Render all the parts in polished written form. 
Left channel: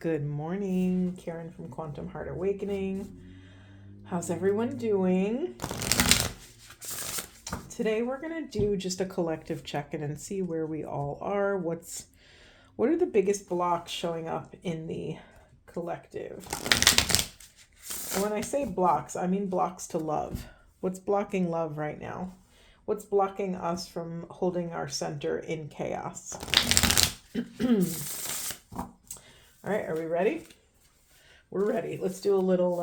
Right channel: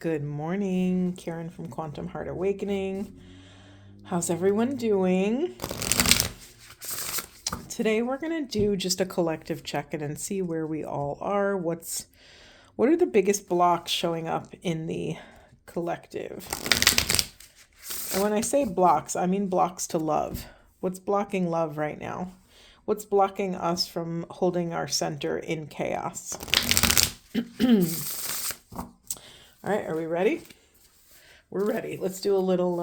Good morning, Karen from Quantum Heart Awakening. How's everyone doing? Today we're going to do just a collective check-in and see where we all are. What are the biggest blocks showing up in the collective? And when I say blocks, I mean blocks to love. What's blocking love right now? What's blocking us from holding our center in chaos? All right, are we ready? We're ready. Let's do a little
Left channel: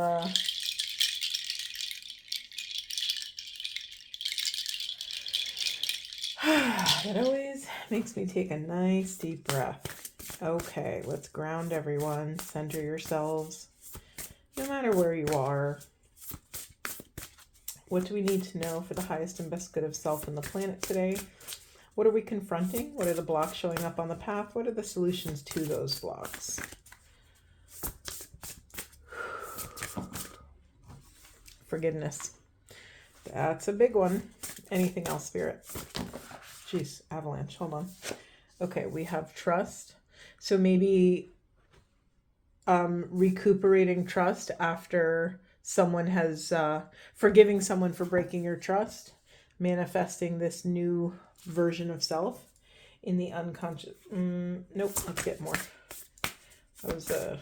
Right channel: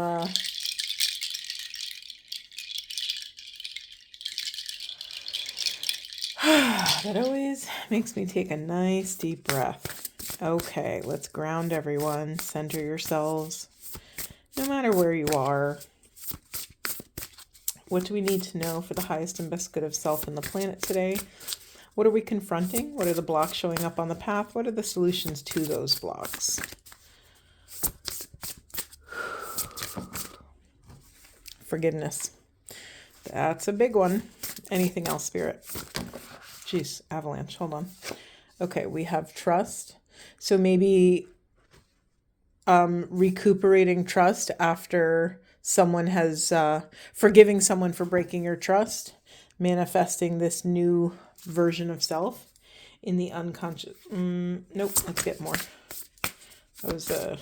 that always makes me take a nice deep breath. Okay, let's ground everyone. Center yourselves, no matter where you are. What do we need to know for the highest and best good of self and the planet today? What are we confronting? What are the blocks showing up on the path? What are the solutions to those blocks? Forgiveness. That's a big one. Anything else, Spirit? Jeez, avalanche. Hold on. Okay, we have trust. So maybe recuperating trust after someone has, forgiving someone for breaking your trust, manifesting this new version of self in the unconscious. Nope, let's get more. That was a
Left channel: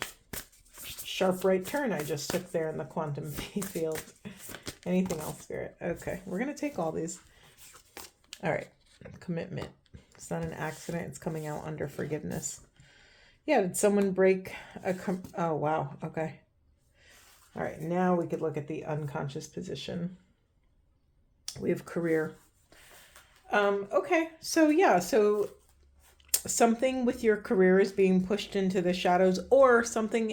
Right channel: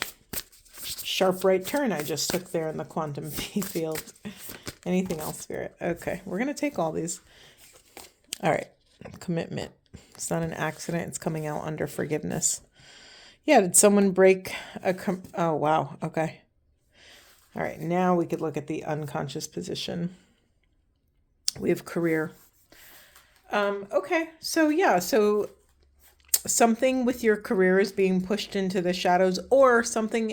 sharp right turn I just took there in the quantum field. Anything else, Spirit? Okay, we're going to take all these. All right, commitment. It's not an accident. It's coming out under forgiveness. Yeah, did someone break oh, wow. Okay. All right, now we could look at the unconscious position. We have career. Okay, so something with your career is being pushed into the shadows, or something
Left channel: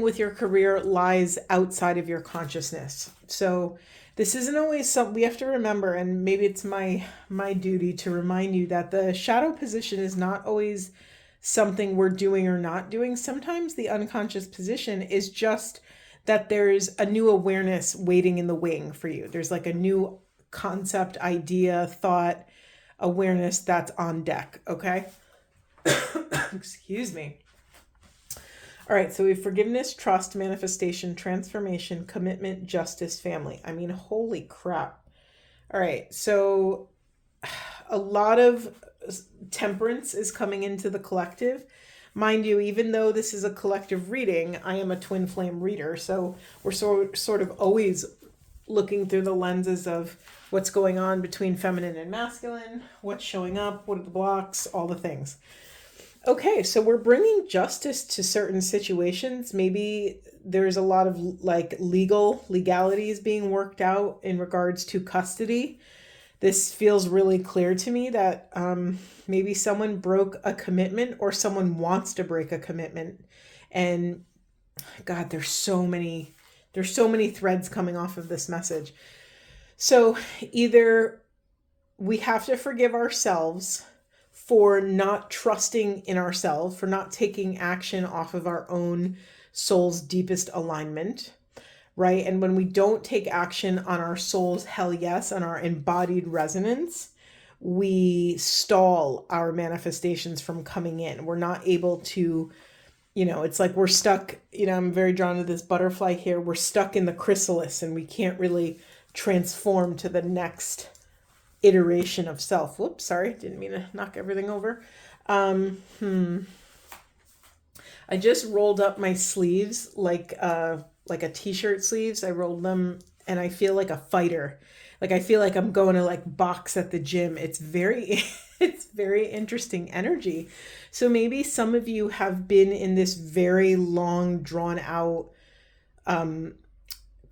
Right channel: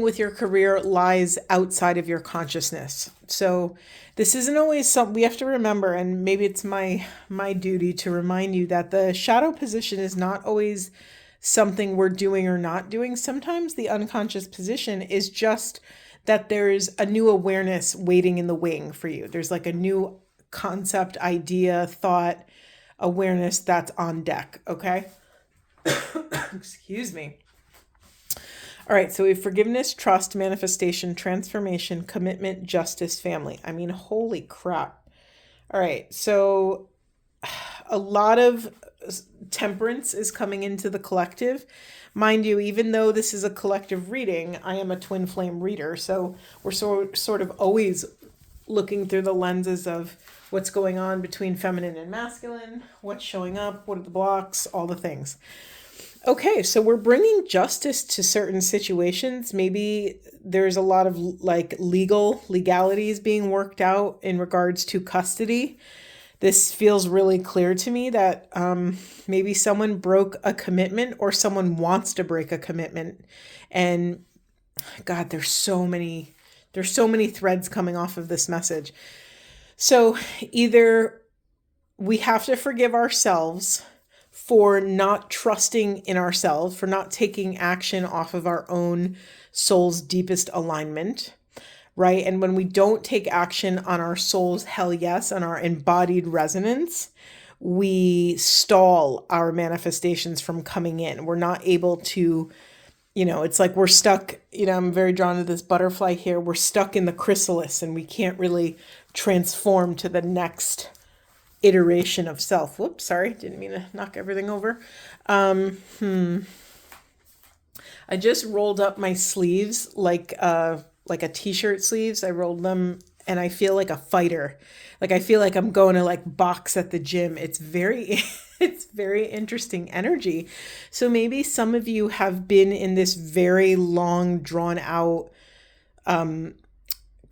with your career lies outside of your consciousness. So this isn't always we have to remember, and maybe it's my duty to remind you that the shadow position is not always something we're doing or not doing. Sometimes the unconscious position is just that there's a new awareness waiting in the wing for you. There's like a new concept, idea, thought, awareness that's on deck. Okay. Excuse me. All right. So we have forgiveness, trust, manifestation, transformation, commitment, justice, family. I mean, holy crap. All right. So a lot of temperance is coming into the collective. Mind you, even though this is a collective reading, I am a twin flame reader. So we're sort of always looking through the lenses of what's going on between feminine and masculine, what's showing up, what are the blocks, all the things. Okay, so we're bringing justice to certain situations. Maybe there's a lot of legalities being worked out in regards to custody. This feels really clear to me that maybe someone broke a commitment or someone wants to break a commitment. And God, there's so many threads coming off of this message. So either we have to forgive ourselves for not trusting in ourselves, for not taking action off of our own soul's deepest alignment, right? And when we don't take action on our soul's hell yes, on our embodied resonance, we stall our manifestations from coming in. We're not able to, it's like we're stuck, I'm very drawn to this butterfly here. We're stuck in the chrysalis and we can't really transform to the next iteration of self. Whoops, sorry, didn't mean to knock everything over. I just rolled up my sleeves like a t-shirt sleeves. I rolled them and I feel like a fighter. Like I feel like I'm going to like box at the gym. It's very interesting energy. So maybe some of you have been in this very long drawn out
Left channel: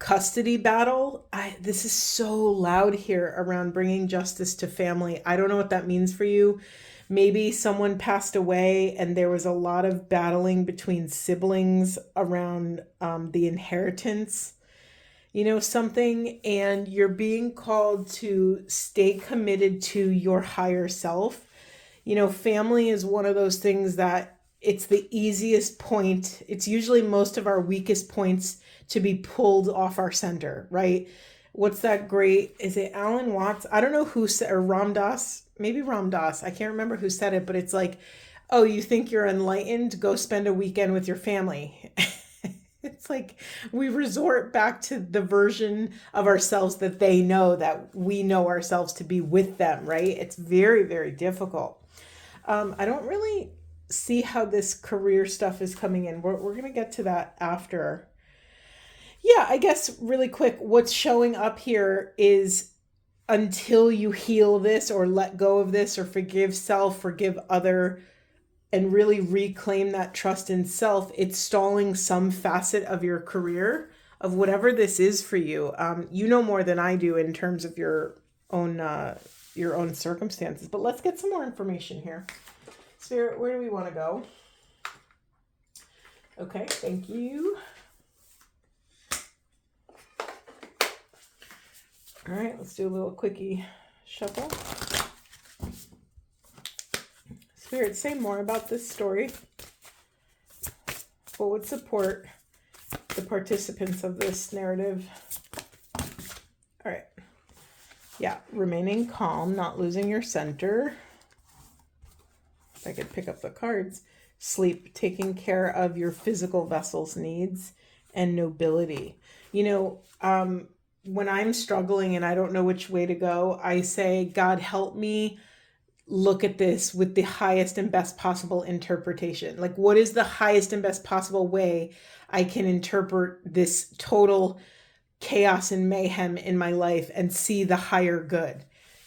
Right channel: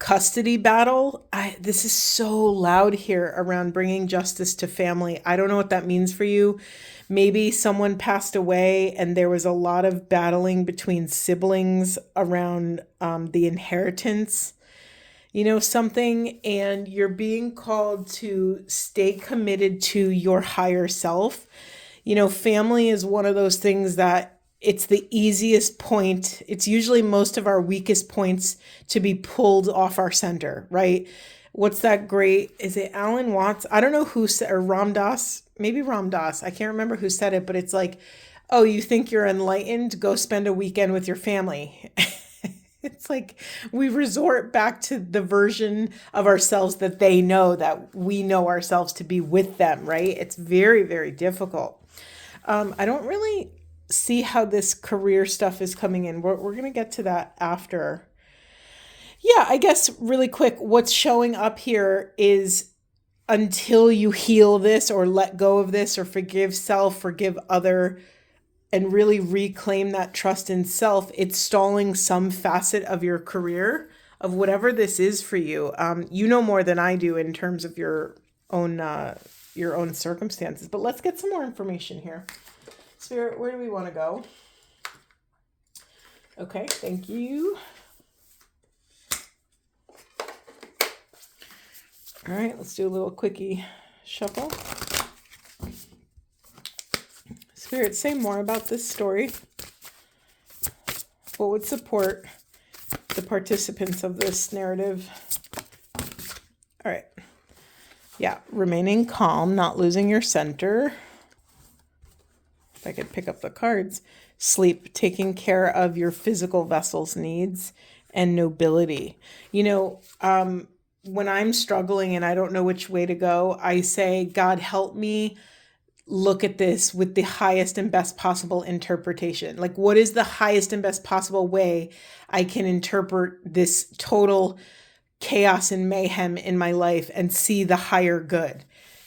custody battle. This is so loud here around bringing justice to family. I don't know what that means for you. Maybe someone passed away and there was a lot of battling between siblings around the inheritance, something, and you're being called to stay committed to your higher self. Family is one of those things that it's the easiest point. It's usually most of our weakest points to be pulled off our center, right? What's that great? Is it Alan Watts? I don't know who said, or Ram Dass, maybe Ram Dass. I can't remember who said it, but it's like Oh, you think you're enlightened? Go spend a weekend with your family. It's like we resort back to the version of ourselves that they know, that we know ourselves to be with them, right? It's very, very difficult. I don't really see how this career stuff is coming in. We're going to get to that after. Yeah, I guess really quick, what's showing up here is until you heal this or let go of this or forgive self, forgive other, and really reclaim that trust in self, it's stalling some facet of your career, of whatever this is for you. You know more than I do in terms of own your own circumstances. But let's get some more information here. Spirit, where do we want to go? Okay, thank you. All right, let's do a little quickie shuffle. Spirit, say more about this story. What would support the participants of this narrative? All right. Yeah, remaining calm, not losing your center. If I could pick up the cards. Sleep, taking care of your physical vessel's needs, and nobility. When I'm struggling and I don't know which way to go, I say, God, help me look at this with the highest and best possible interpretation. Like, what is the highest and best possible way I can interpret this total chaos and mayhem in my life and see the higher good?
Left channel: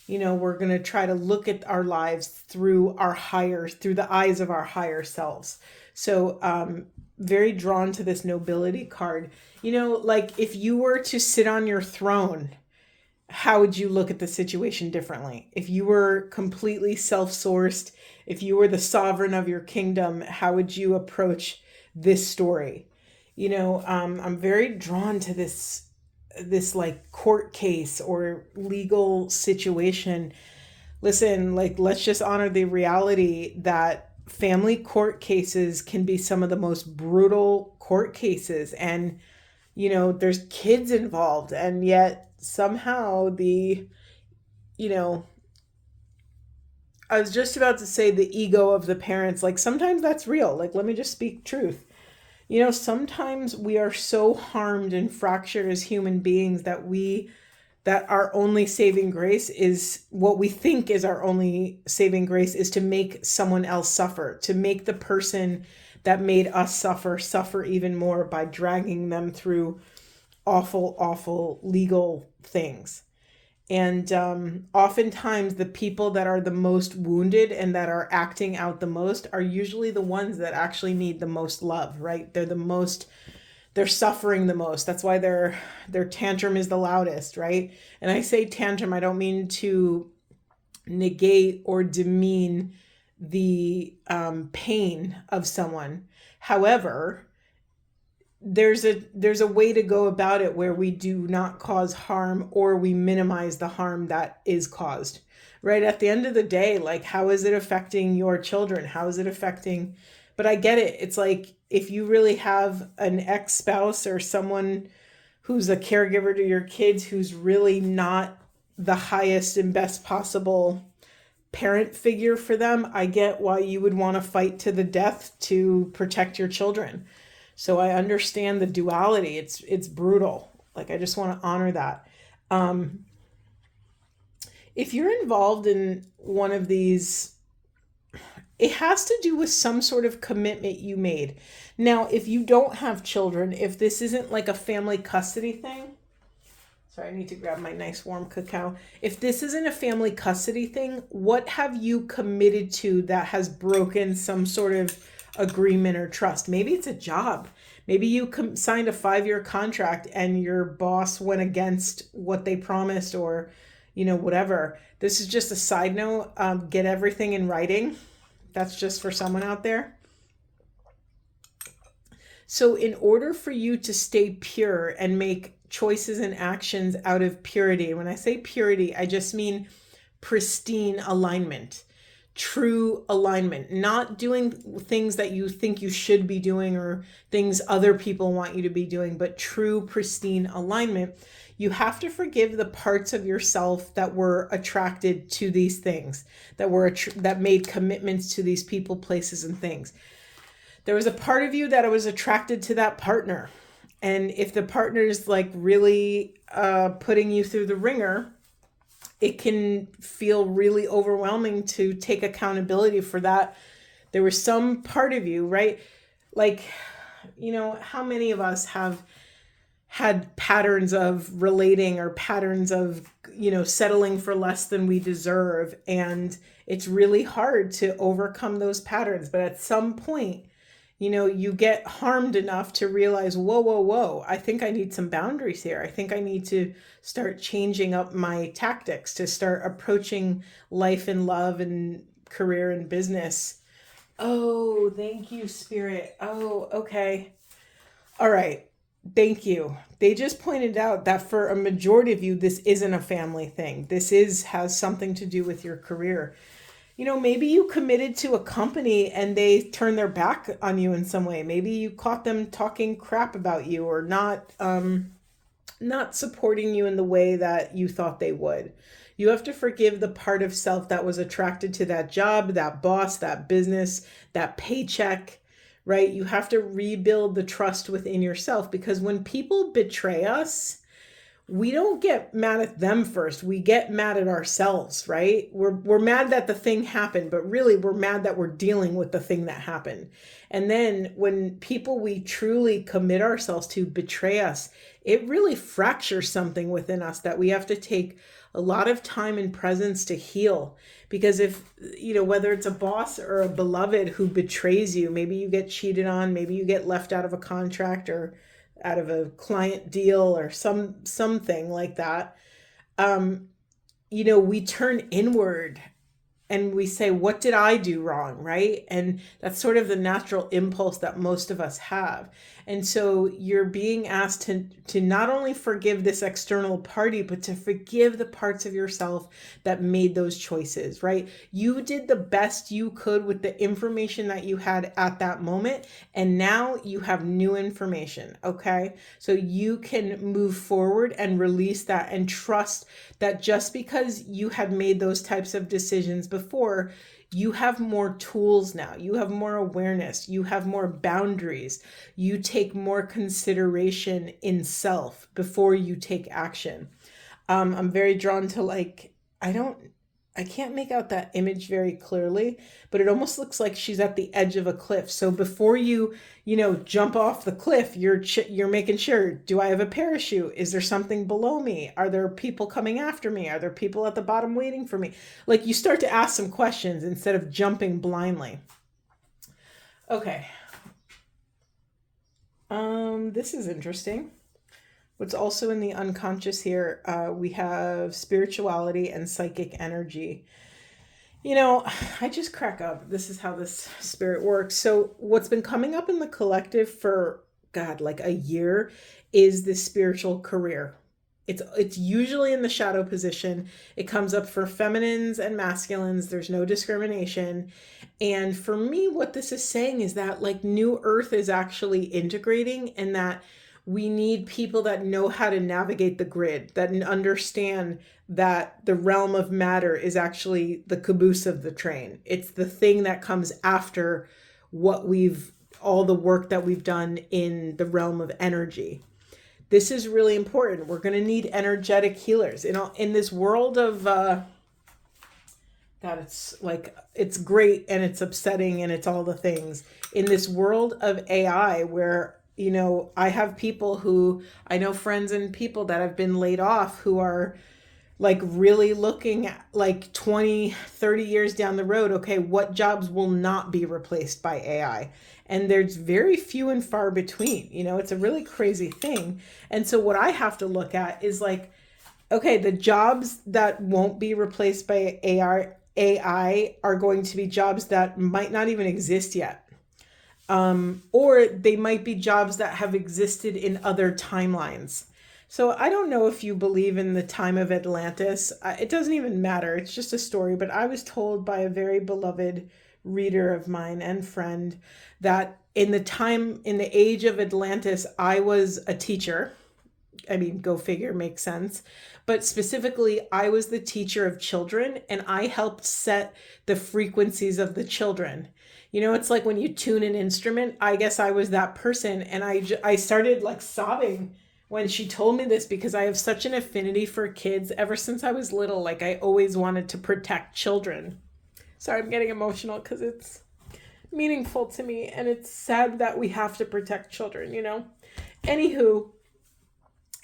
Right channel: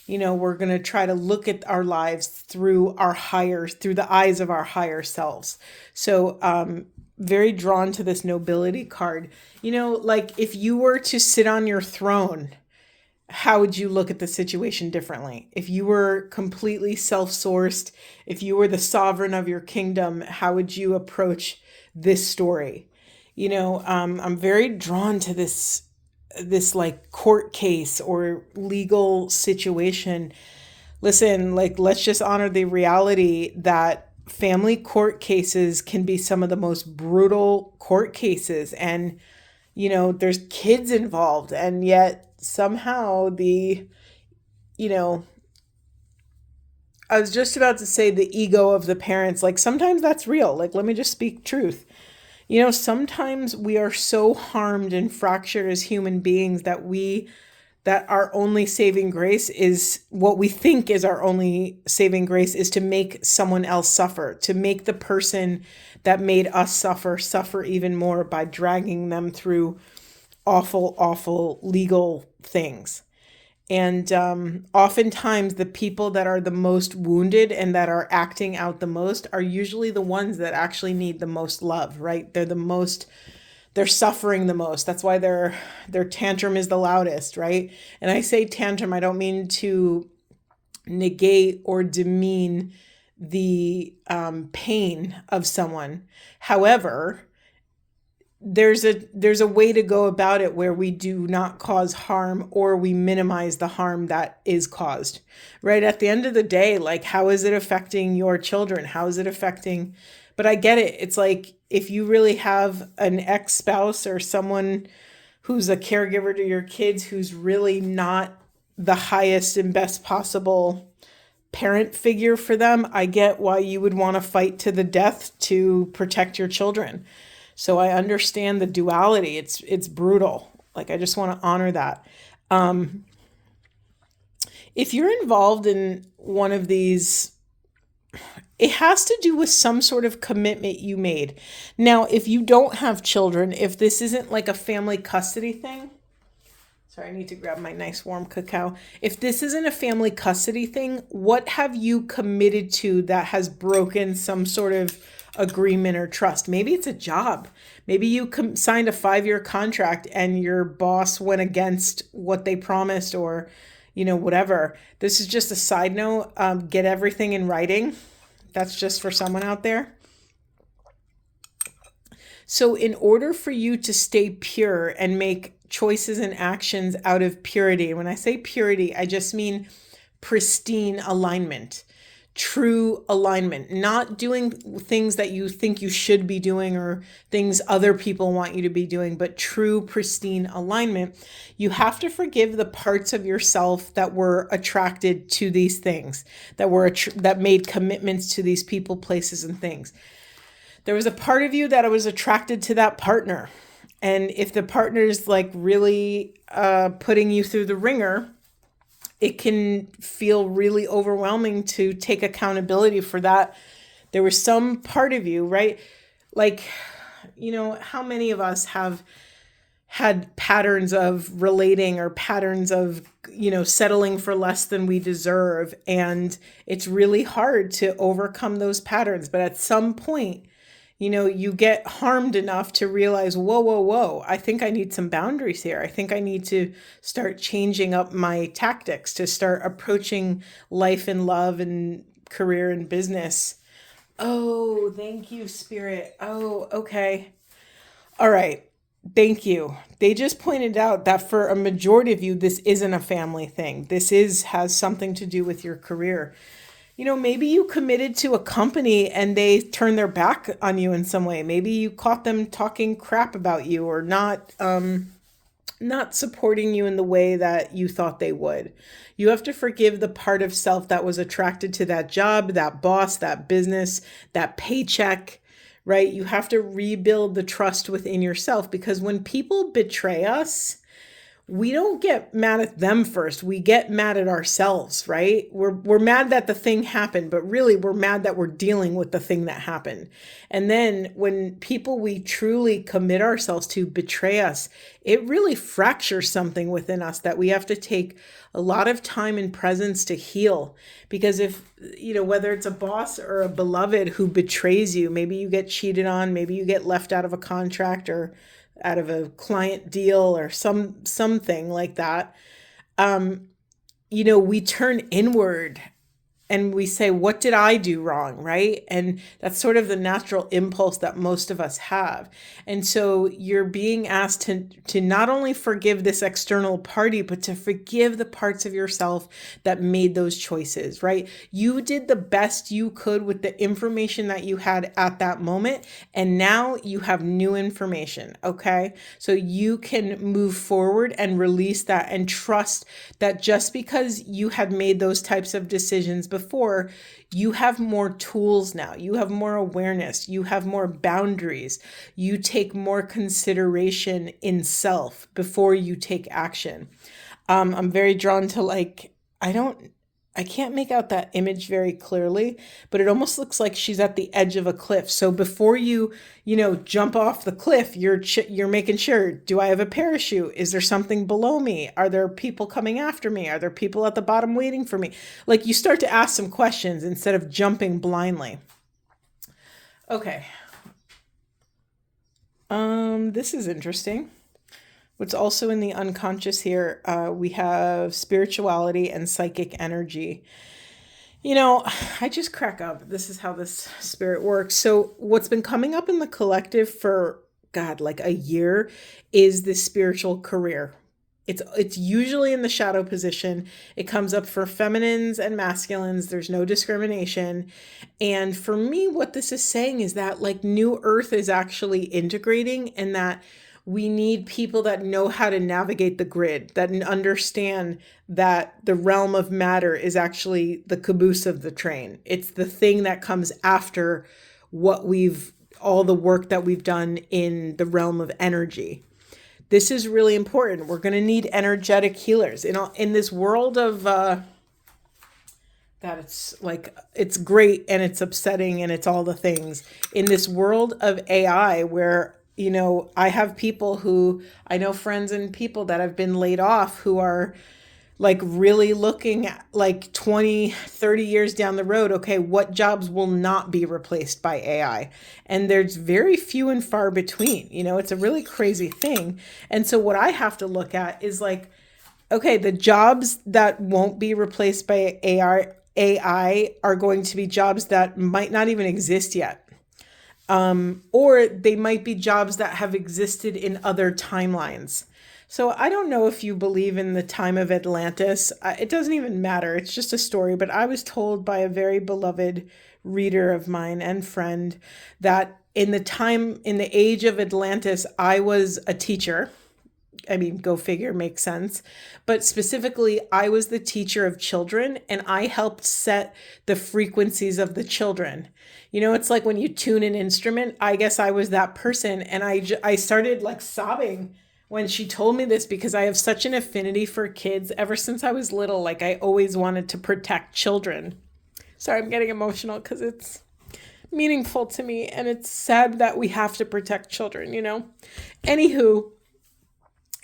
We're going to try to look at our lives through the eyes of our higher selves. So, very drawn to this nobility card. Like if you were to sit on your throne, how would you look at the situation differently? If you were completely self-sourced, if you were the sovereign of your kingdom, how would you approach this story? I'm very drawn to this like court case or legal situation. Listen, like, let's just honor the reality that family court cases can be some of the most brutal court cases. And, there's kids involved, and yet somehow I was just about to say the ego of the parents, like sometimes that's real. Like, let me just speak truth. Sometimes we are so harmed and fractured as human beings that our only saving grace is what we think is our only saving grace is to make someone else suffer, to make the person that made us suffer even more by dragging them through awful, awful legal things. And oftentimes the people that are the most wounded and that are acting out the most are usually the ones that actually need the most love, right? They're suffering the most. That's why their tantrum is the loudest, right? And I say tantrum, I don't mean to negate or demean the pain of someone. However, there's a way to go about it where we do not cause harm, or we minimize the harm that is caused, right? At the end of the day, like, how is it affecting your children? How is it affecting? But I get it. It's like, if you really have an ex-spouse or someone who's a caregiver to your kids who's really not the highest and best possible parent figure for them, I get why you would want to fight to the death to protect your children. So I understand the duality. It's brutal. Like, I just want to honor that. If you're involved in one of these, it has to do with some sort of commitment you made. Now, if you don't have children, if this isn't like a family custody thing, sorry, I need to grab my nice warm cacao. If this isn't a family custody thing, what have you committed to that has broken some sort of agreement or trust? Maybe it's a job. Maybe you signed a 5-year contract and your boss went against what they promised, or, whatever. This is just a side note. Get everything in writing. That's just for someone out there. So in order for you to stay pure and make choices and actions out of purity, when I say purity, I just mean pristine alignment. true alignment, not doing things that you think you should be doing or things other people want you to be doing, but true pristine alignment. You have to forgive the parts of yourself that were attracted to these things, that made commitments to these people, places, and things. There was a part of you that was attracted to that partner. And if the partner's like really putting you through the ringer, it can feel really overwhelming to take accountability for that. There was some part of you, right? Like, how many of us have had patterns of relating or patterns of, settling for less than we deserve. And it's really hard to overcome those patterns. But at some point, you get harmed enough to realize, whoa, I think I need some boundaries here. I think I need to start changing up my tactics to start approaching life and love and career and business. Oh, thank you, Spirit. Oh, okay. All right. Thank you. They just pointed out that for a majority of you, this isn't a family thing. This has something to do with your career. Maybe you committed to a company and they turned their back on you in some way. Maybe you caught them talking crap about you or not supporting you in the way that you thought they would. You have to forgive the part of self that was attracted to that job, that boss, that business, that paycheck, right? You have to rebuild the trust within yourself, because when people betray us, we don't get mad at them first. We get mad at ourselves, right? We're mad that the thing happened, but really we're mad that we're dealing with the thing that happened. And then when people we truly commit ourselves to betray us, it really fractures something within us that we have to take a lot of time and presence to heal. Because if, whether it's a boss or a beloved who betrays you, maybe you get cheated on, maybe you get left out of a contract or out of a client deal or something like that, we turn inward and we say, what did I do wrong, right? And that's sort of the natural impulse that most of us have. And so you're being asked to not only forgive this external party, but to forgive the parts of yourself that made those choices, right? You did the best you could with the information that you had at that moment. And now you have new information, okay? So you can move forward and release that and trust that just because you had made those types of decisions before, you have more tools now. You have more awareness. You have more boundaries. You take more consideration in self before you take action. I'm very drawn to I can't make out that image very clearly, but it almost looks like she's at the edge of a cliff. So before you jump off the cliff, you're making sure, do I have a parachute? Is there something below me? Are there people coming after me? Are there people at the bottom waiting for me? Like, you start to ask some questions instead of jumping blindly. Okay. This is interesting. What's also in the unconscious here, we have spirituality and psychic energy. I just crack up. This is how this spirit works. So what's been coming up in the collective for, like a year is this spiritual career. It's usually in the shadow position. It comes up for feminines and masculines. There's no discrimination. And for me, what this is saying is that like New Earth is actually integrating, and that we need people that know how to navigate the grid, that understand that the realm of matter is actually the caboose of the train. It's the thing that comes after all the work that we've done in the realm of energy. This is really important. We're going to need energetic healers. In this world of, it's great and it's upsetting and it's all the things. In this world of AI where I have I know friends and people that have been laid off who are like really looking at like 20, 30 years down the road. Okay, what jobs will not be replaced by AI? And there's very few and far between. It's a really crazy thing. And so what I have to look at is like, okay, the jobs that won't be replaced by AI are going to be jobs that might not even exist yet. Or they might be jobs that have existed in other timelines. So I don't know if you believe in the time of Atlantis. It doesn't even matter. It's just a story. But I was told by a very beloved reader of mine and friend that in the age of Atlantis, I was a teacher. I mean, go figure, makes sense. But specifically, I was the teacher of children and I helped set the frequencies of the children. You know, it's like when you tune an instrument. I guess I was that person. And I started like sobbing when she told me this because I have such an affinity for kids ever since I was little. Like, I always wanted to protect children. Sorry, I'm getting emotional because it's meaningful to me. And it's sad that we have to protect children, you know? Anywho,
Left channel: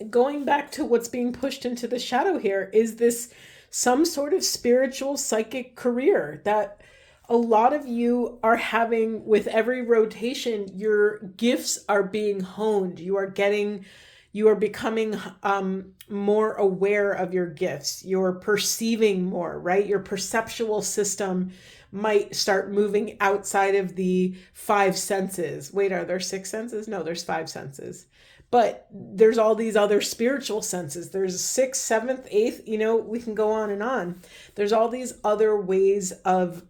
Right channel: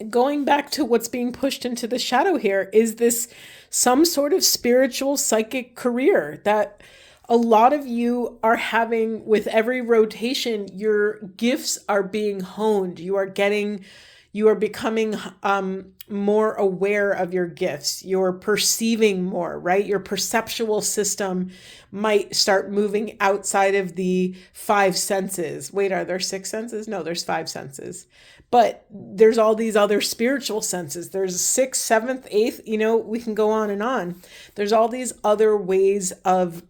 going back to what's being pushed into the shadow here is this some sort of spiritual psychic career that a lot of you are having with every rotation. Your gifts are being honed. You are becoming more aware of your gifts. You're perceiving more, right? Your perceptual system might start moving outside of the five senses. Wait, are there six senses? No, there's five senses. But there's all these other spiritual senses. There's sixth, seventh, eighth, you know, we can go on and on. There's all these other ways of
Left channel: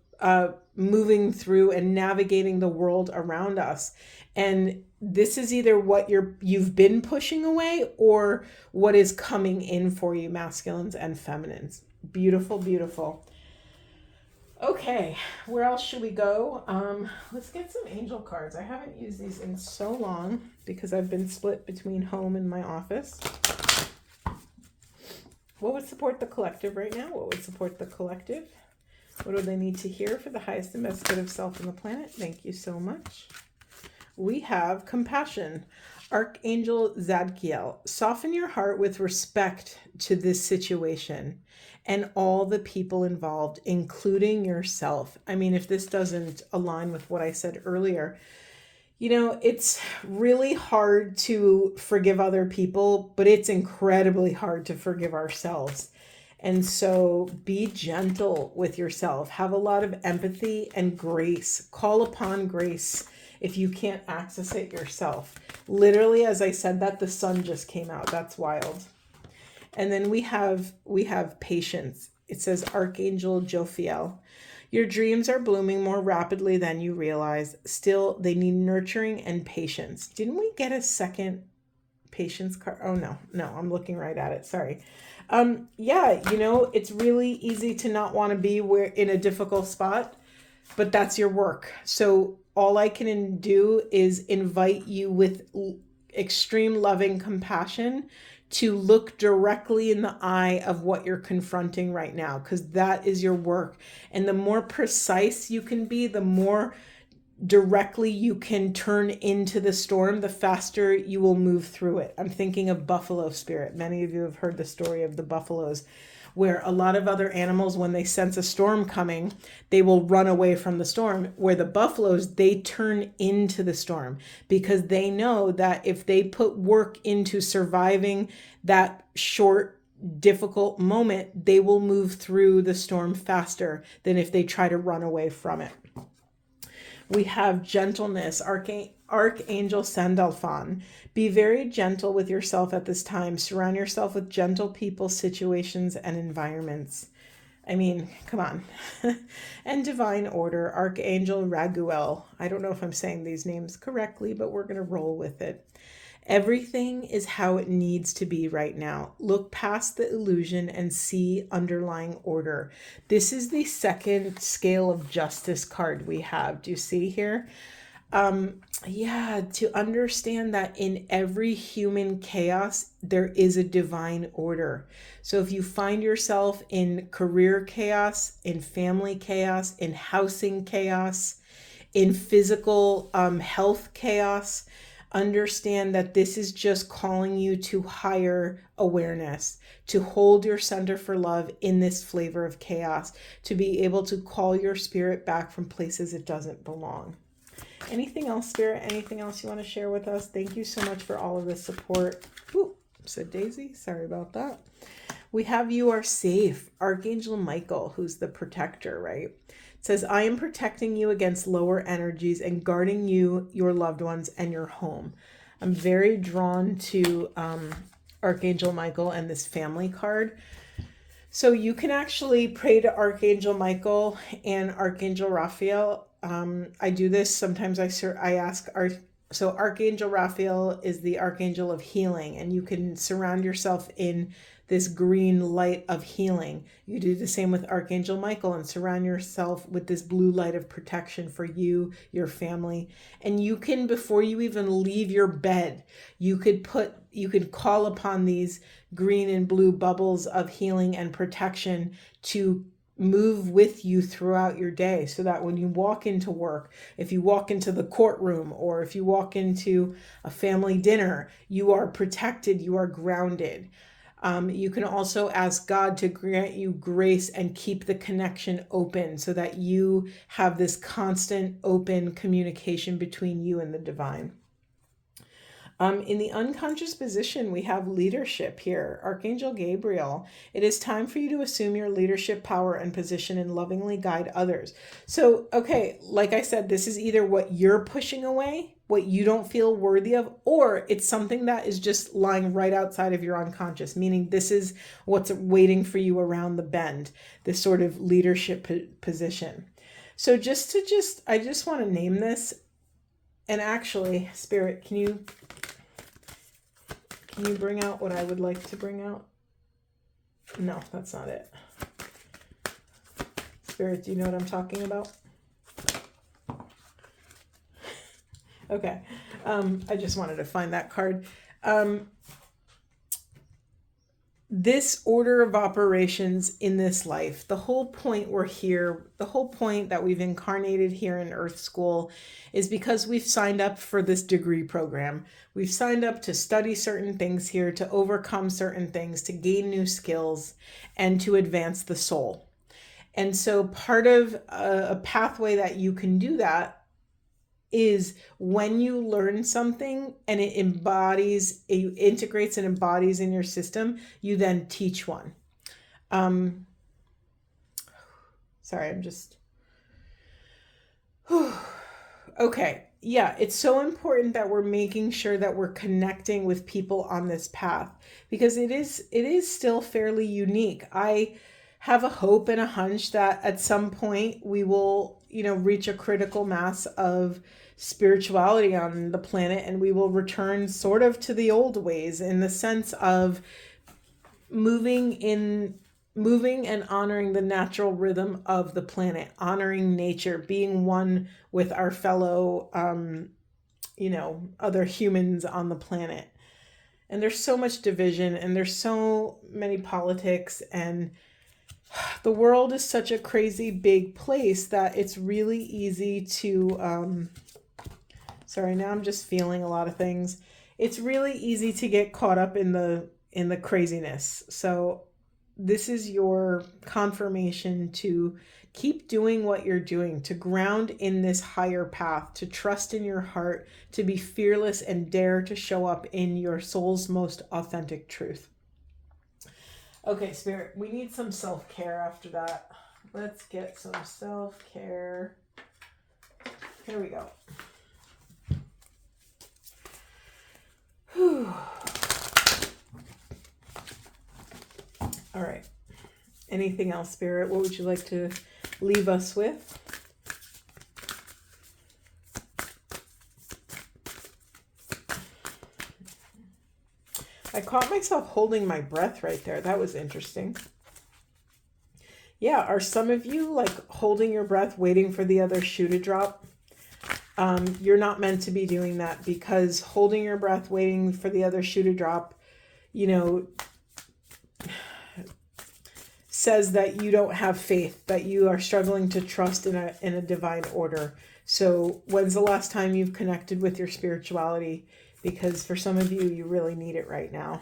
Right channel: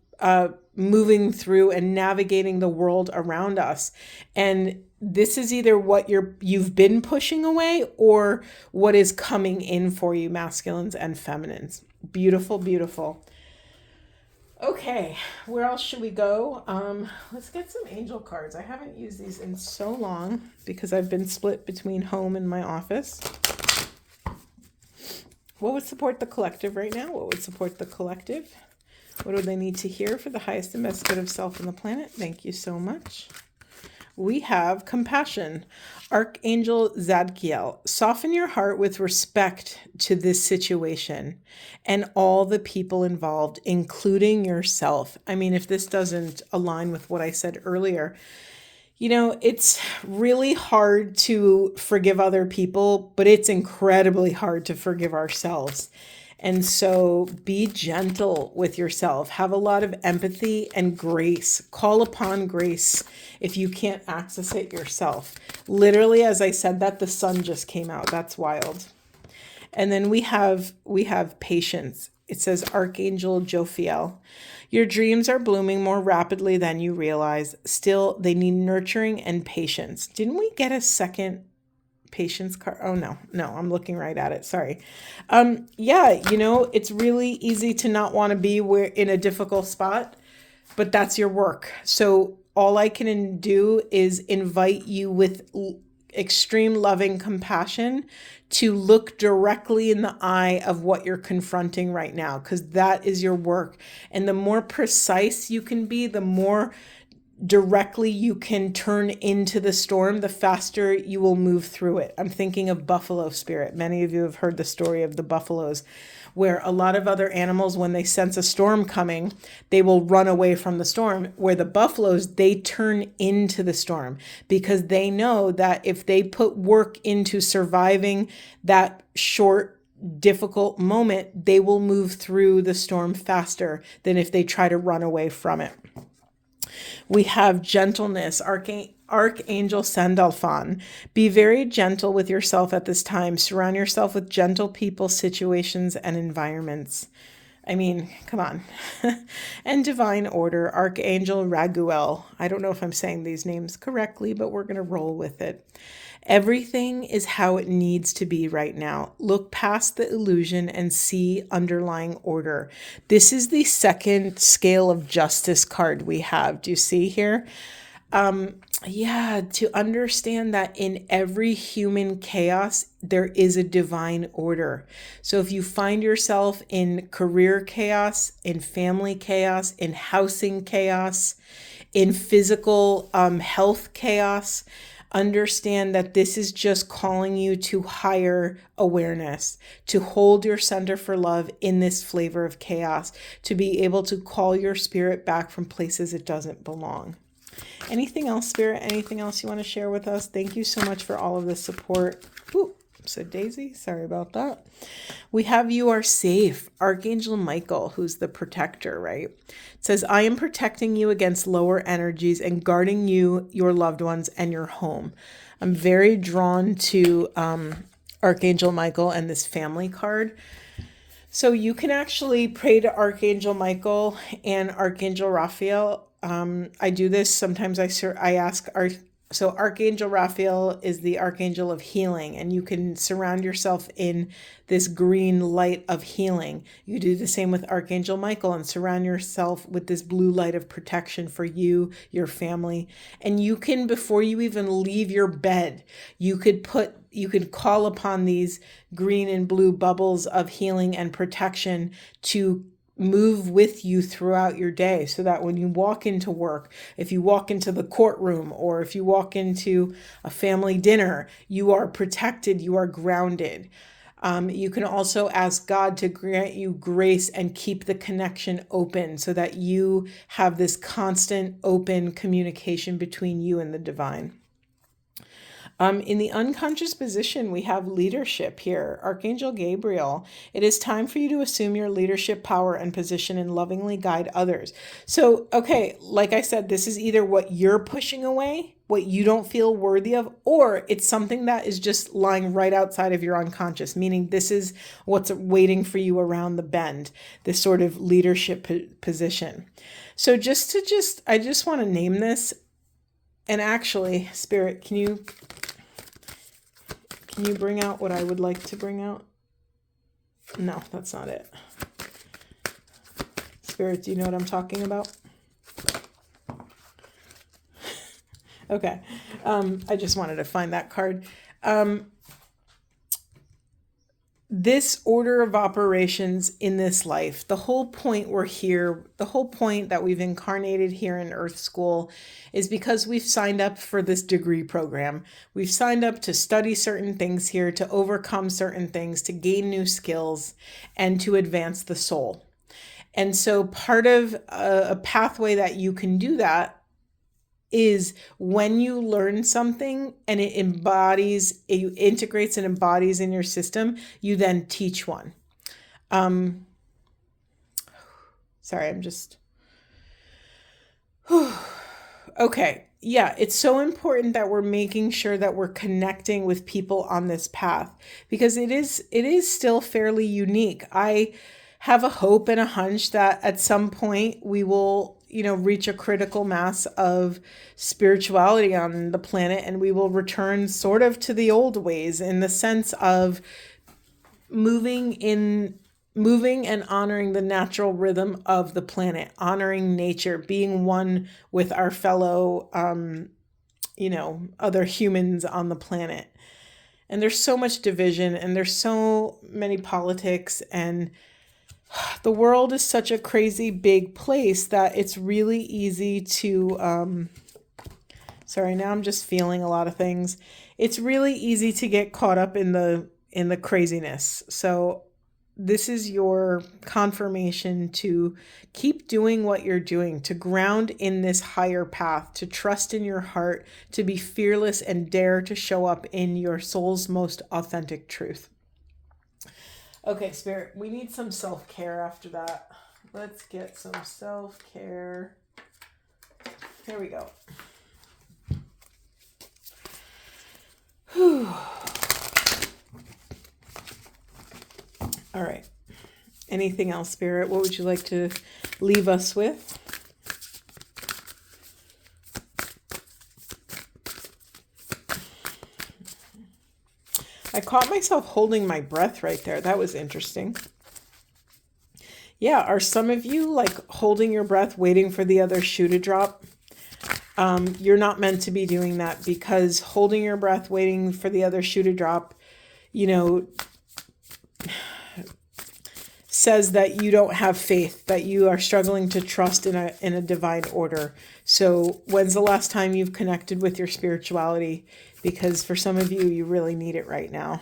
moving through and navigating the world around us. And this is either what you've been pushing away or what is coming in for you, masculines and feminines. Beautiful, beautiful. Okay, where else should we go? Let's get some angel cards. I haven't used these in so long because I've been split between home and my office. What would support the collective right now? What would support the collective? What do they need to hear for the highest and best good of self and the planet? Thank you so much. We have compassion. Archangel Zadkiel, soften your heart with respect to this situation and all the people involved, including yourself. I mean, if this doesn't align with what I said earlier, you know, it's really hard to forgive other people, but it's incredibly hard to forgive ourselves. And so be gentle with yourself. Have a lot of empathy and grace. Call upon grace if you can't access it yourself. Literally, as I said that, the sun just came out. That's wild. And then we have patience. It says Archangel Jophiel. Your dreams are blooming more rapidly than you realize. Still, they need nurturing and patience. Didn't we get a second patience card? Oh, no, I'm looking right at it. Sorry. Yeah, you know, it's really easy to not want to be in a difficult spot, but that's your work. So all I can do is invite you with extreme loving compassion to look directly in the eye of what you're confronting right now, because that is your work. And the more precise you can be, the more directly you can turn into the storm, the faster you will move through it. I'm thinking of buffalo spirit. Many of you have heard the story of the buffaloes, where a lot of other animals, when they sense a storm coming, they will run away from the storm. Where the buffaloes, they turn into the storm because they know that if they put work into surviving that short, difficult moment, they will move through the storm faster than if they try to run away from it. We have gentleness, Archangel Sandalphon. Be very gentle with yourself at this time. Surround yourself with gentle people, situations, and environments. I mean, come on. And divine order, Archangel Raguel. I don't know if I'm saying these names correctly, but we're going to roll with it. Everything is how it needs to be right now. Look past the illusion and see underlying order. This is the second scale of justice card we have. Do you see here? To understand that in every human chaos, there is a divine order. So if you find yourself in career chaos, in family chaos, in housing chaos, in physical health chaos, understand that this is just calling you to higher awareness, to hold your center for love in this flavor of chaos, to be able to call your spirit back from places it doesn't belong. Anything else, Spirit? Anything else you want to share with us? Thank you so much for all of the support. Ooh, said Daisy. Sorry about that. We have You Are Safe. Archangel Michael, who's the protector, right? It says, I am protecting you against lower energies and guarding you, your loved ones, and your home. I'm very drawn to Archangel Michael and this family card. So you can actually pray to Archangel Michael and Archangel Raphael. I do this sometimes. I ask so Archangel Raphael is the archangel of healing, and you can surround yourself in this green light of healing. You do the same with Archangel Michael and surround yourself with this blue light of protection for you, your family. And you can, before you even leave your bed, you could call upon these green and blue bubbles of healing and protection to move with you throughout your day, so that when you walk into work, if you walk into the courtroom, or if you walk into a family dinner, you are protected, you are grounded. You can also ask God to grant you grace and keep the connection open, so that you have this constant open communication between you and the divine. In the unconscious position, we have leadership here. Archangel Gabriel, it is time for you to assume your leadership power and position and lovingly guide others. So, okay, like I said, this is either what you're pushing away, what you don't feel worthy of, or it's something that is just lying right outside of your unconscious, meaning this is what's waiting for you around the bend, this sort of leadership position. So I just want to name this. And actually, Spirit, can you bring out what I would like to bring out? No, that's not it. Spirit, do you know what I'm talking about? Okay. I just wanted to find that card. This order of operations in this life, the whole point we're here, the whole point that we've incarnated here in Earth School is because we've signed up for this degree program. We've signed up to study certain things here, to overcome certain things, to gain new skills, and to advance the soul. And so part of a pathway that you can do that is when you learn something and it integrates and embodies in your system, you then teach one. Sorry, I'm just... Okay. Yeah, it's so important that we're making sure that we're connecting with people on this path, because it is still fairly unique. I have a hope and a hunch that at some point we will, reach a critical mass of spirituality on the planet, and we will return sort of to the old ways, in the sense of moving and honoring the natural rhythm of the planet, honoring nature, being one with our fellow, other humans on the planet. And there's so much division, and there's so many politics, and the world is such a crazy big place that it's really easy to, sorry, now I'm just feeling a lot of things. It's really easy to get caught up in the craziness. So this is your confirmation to keep doing what you're doing, to ground in this higher path, to trust in your heart, to be fearless and dare to show up in your soul's most authentic truth. Okay, Spirit, we need some self-care after that. Let's get some self-care. Here we go. Whew. All right. Anything else, Spirit? What would you like to leave us with? I caught myself holding my breath right there. That was interesting. Yeah, are some of you like holding your breath, waiting for the other shoe to drop? You're not meant to be doing that, because holding your breath, waiting for the other shoe to drop, says that you don't have faith, that you are struggling to trust in a divine order. So when's the last time you've connected with your spirituality? Because for some of you, you really need it right now.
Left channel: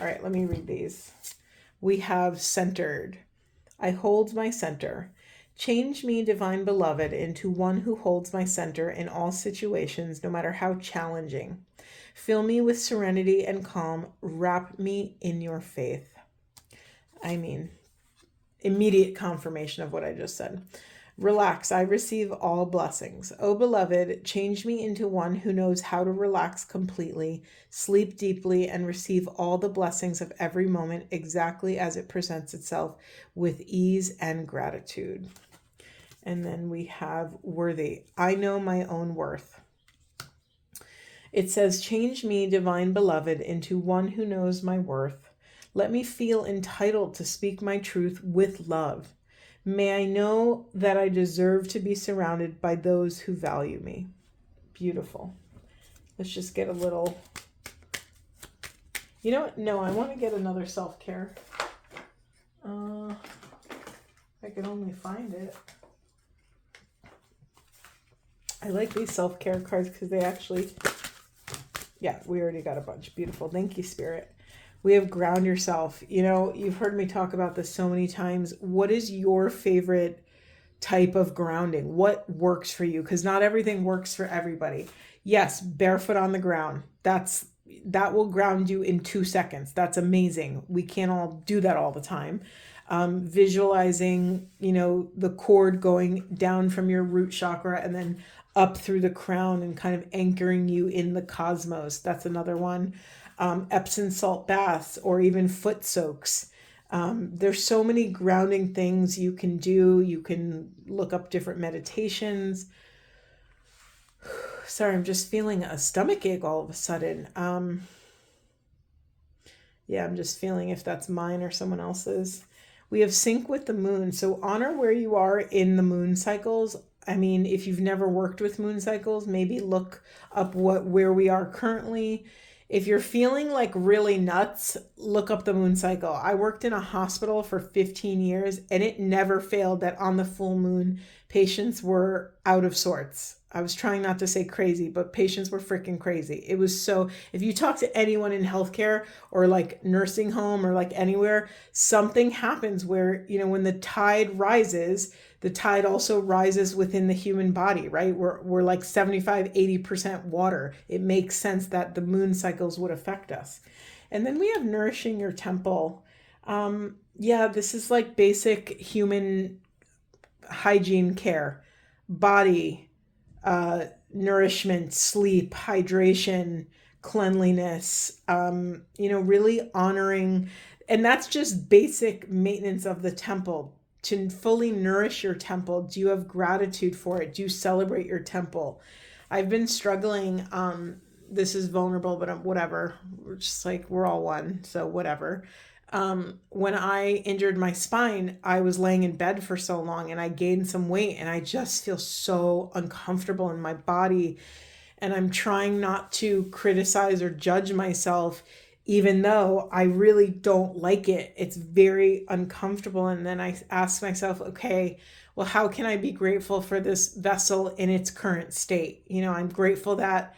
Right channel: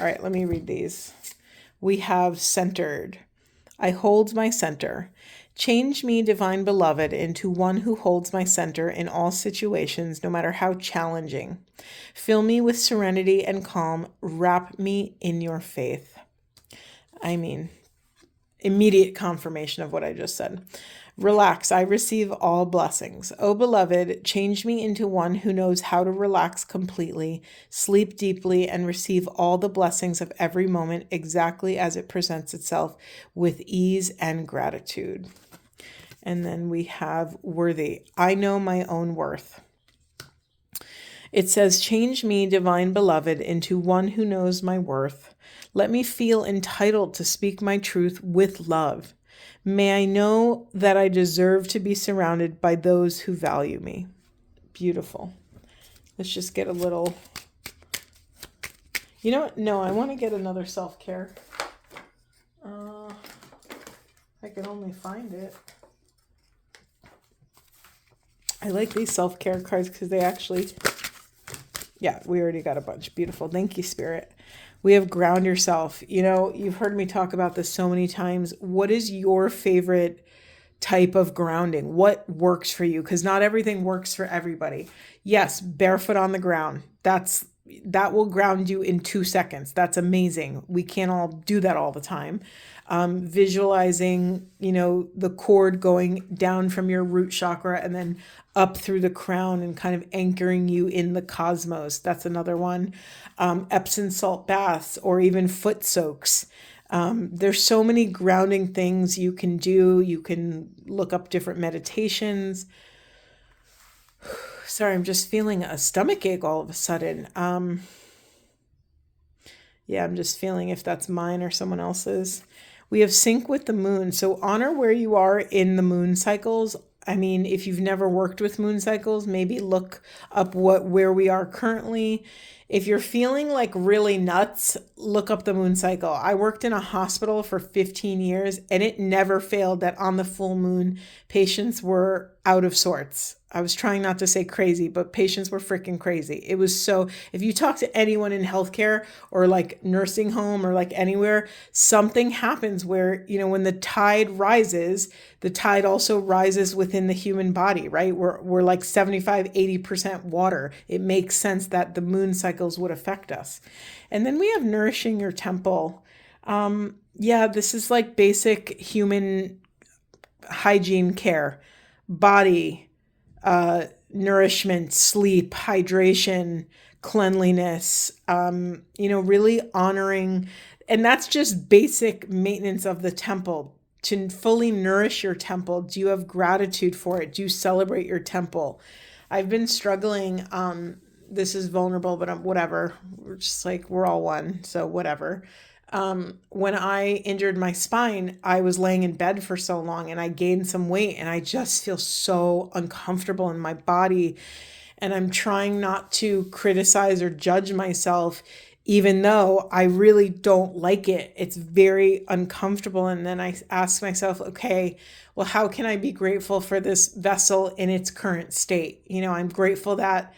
All right, let me read these. We have centered. I hold my center. Change me, divine beloved, into one who holds my center in all situations, no matter how challenging. Fill me with serenity and calm. Wrap me in your faith. I mean, immediate confirmation of what I just said. Relax, I receive all blessings. O beloved, change me into one who knows how to relax completely, sleep deeply, and receive all the blessings of every moment exactly as it presents itself with ease and gratitude. And then we have worthy. I know my own worth. It says, change me, divine beloved, into one who knows my worth. Let me feel entitled to speak my truth with love. May I know that I deserve to be surrounded by those who value me. Beautiful. Let's just get a little... You know what? No, I want to get another self-care. I can only find it. I like these self-care cards because they actually... Yeah, we already got a bunch. Beautiful. Thank you, Spirit. We have ground yourself. You know, you've heard me talk about this so many times. What is your favorite type of grounding? What works for you? Because not everything works for everybody. Yes, barefoot on the ground. That will ground you in 2 seconds. That's amazing. We can't all do that all the time. Visualizing, the cord going down from your root chakra and then up through the crown and kind of anchoring you in the cosmos. That's another one. Epsom salt baths or even foot soaks. There's so many grounding things you can do. You can look up different meditations. Sorry, I'm just feeling a stomach ache all of a sudden. Yeah, I'm just feeling if that's mine or someone else's. We have sync with the moon. So honor where you are in the moon cycles. I mean, if you've never worked with moon cycles, maybe look up where we are currently. If you're feeling like really nuts, look up the moon cycle. I worked in a hospital for 15 years and it never failed that on the full moon, patients were out of sorts. I was trying not to say crazy, but patients were freaking crazy. It was so, if you talk to anyone in healthcare or like nursing home or like anywhere, something happens where, when the tide rises, the tide also rises within the human body, right? We're like 75-80% water. It makes sense that the moon cycles would affect us. And then we have nourishing your temple. This is like basic human hygiene care, body, nourishment, sleep, hydration, cleanliness, really honoring. And that's just basic maintenance of the temple. To fully nourish your temple, do you have gratitude for it? Do you celebrate your temple? I've been struggling. This is vulnerable, but whatever. We're just like, we're all one. So whatever. When I injured my spine, I was laying in bed for so long and I gained some weight and I just feel so uncomfortable in my body. And I'm trying not to criticize or judge myself, even though I really don't like it. It's very uncomfortable. And then I ask myself, okay, well, how can I be grateful for this vessel in its current state? I'm grateful that,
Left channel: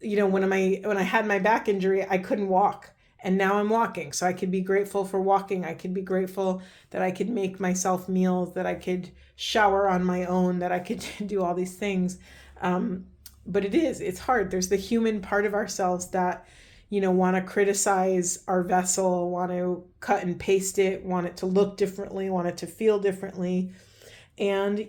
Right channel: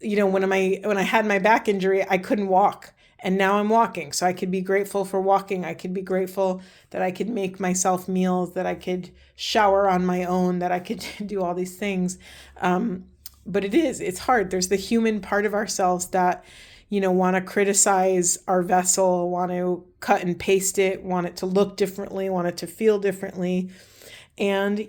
when I had my back injury, I couldn't walk. And now I'm walking. So I could be grateful for walking. I could be grateful that I could make myself meals, that I could shower on my own, that I could do all these things. But it's hard. There's the human part of ourselves that, want to criticize our vessel, want to cut and paste it, want it to look differently, want it to feel differently. And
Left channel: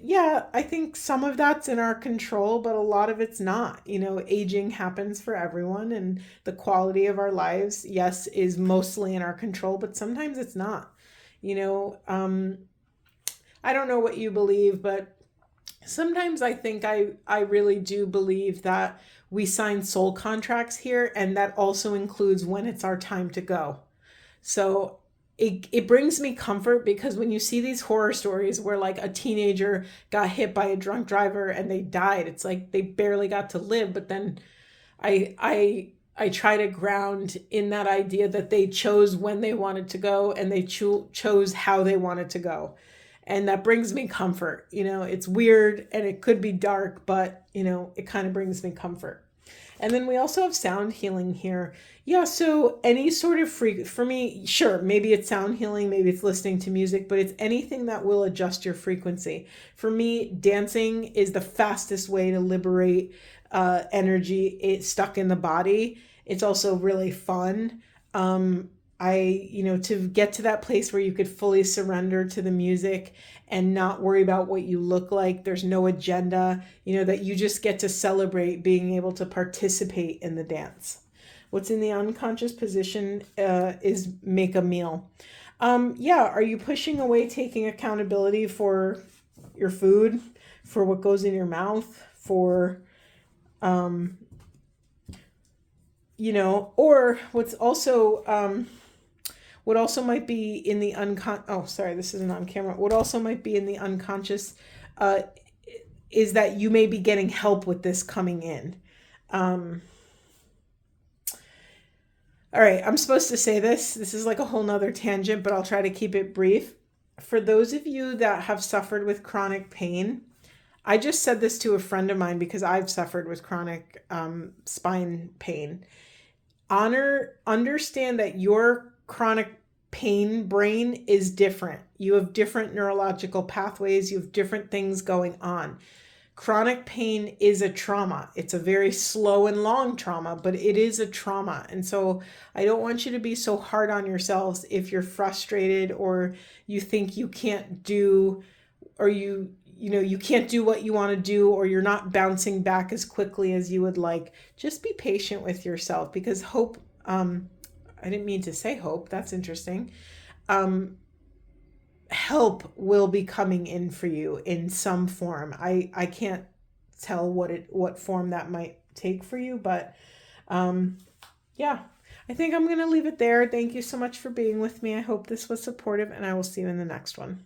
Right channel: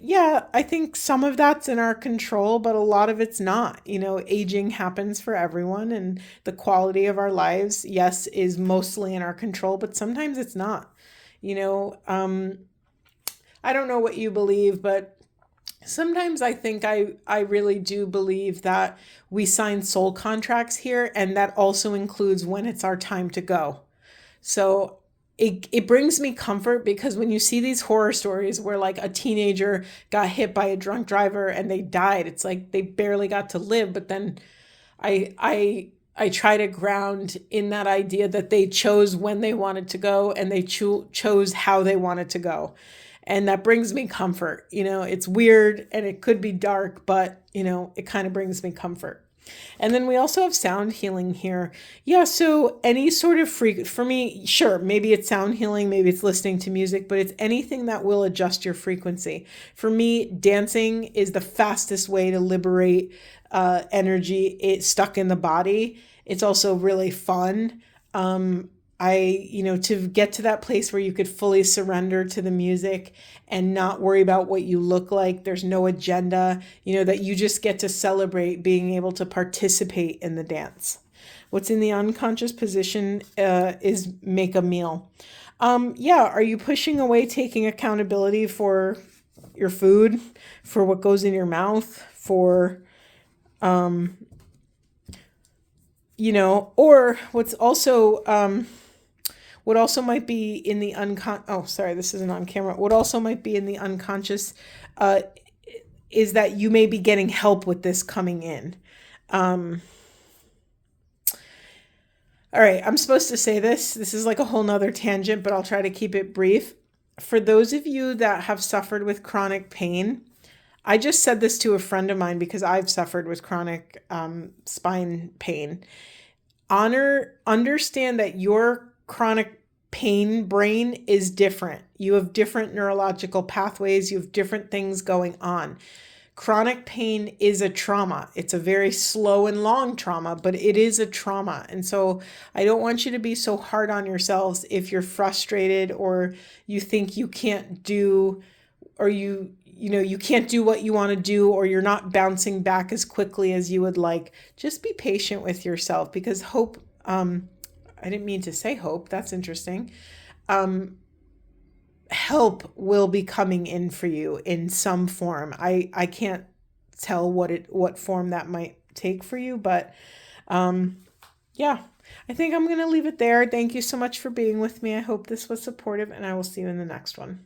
I think some of that's in our control, but a lot of it's not. Aging happens for everyone and the quality of our lives, yes, is mostly in our control, but sometimes it's not. I don't know what you believe, but sometimes I think I really do believe that we sign soul contracts here, and that also includes when it's our time to go. So it brings me comfort, because when you see these horror stories where like a teenager got hit by a drunk driver and they died, it's like they barely got to live. But then I try to ground in that idea that they chose when they wanted to go and they chose how they wanted to go. And that brings me comfort. It's weird and it could be dark, but it kind of brings me comfort. And then we also have sound healing here. Yeah, so any sort of for me, sure, maybe it's sound healing, maybe it's listening to music, but it's anything that will adjust your frequency. For me, dancing is the fastest way to liberate energy stuck in the body. It's also really fun. To get to that place where you could fully surrender to the music and not worry about what you look like. There's no agenda, that you just get to celebrate being able to participate in the dance. What's in the unconscious position is make a meal. Are you pushing away taking accountability for your food, for what goes in your mouth, for, or what also might be in the this isn't on camera. What also might be in the unconscious is that you may be getting help with this coming in. All right, I'm supposed to say this. This is like a whole nother tangent, but I'll try to keep it brief. For those of you that have suffered with chronic pain, I just said this to a friend of mine because I've suffered with chronic spine pain. Understand that your chronic pain brain is different. You have different neurological pathways. You have different things going on. Chronic pain is a trauma. It's a very slow and long trauma, but it is a trauma. And so I don't want you to be so hard on yourselves if you're frustrated or you think you can't do, or you can't do what you want to do, or you're not bouncing back as quickly as you would like. Just be patient with yourself, because hope, I didn't mean to say hope. That's interesting. Help will be coming in for you in some form. I can't tell what form that might take for you, but I think I'm going to leave it there. Thank you so much for being with me. I hope this was supportive, and I will see you in the next one.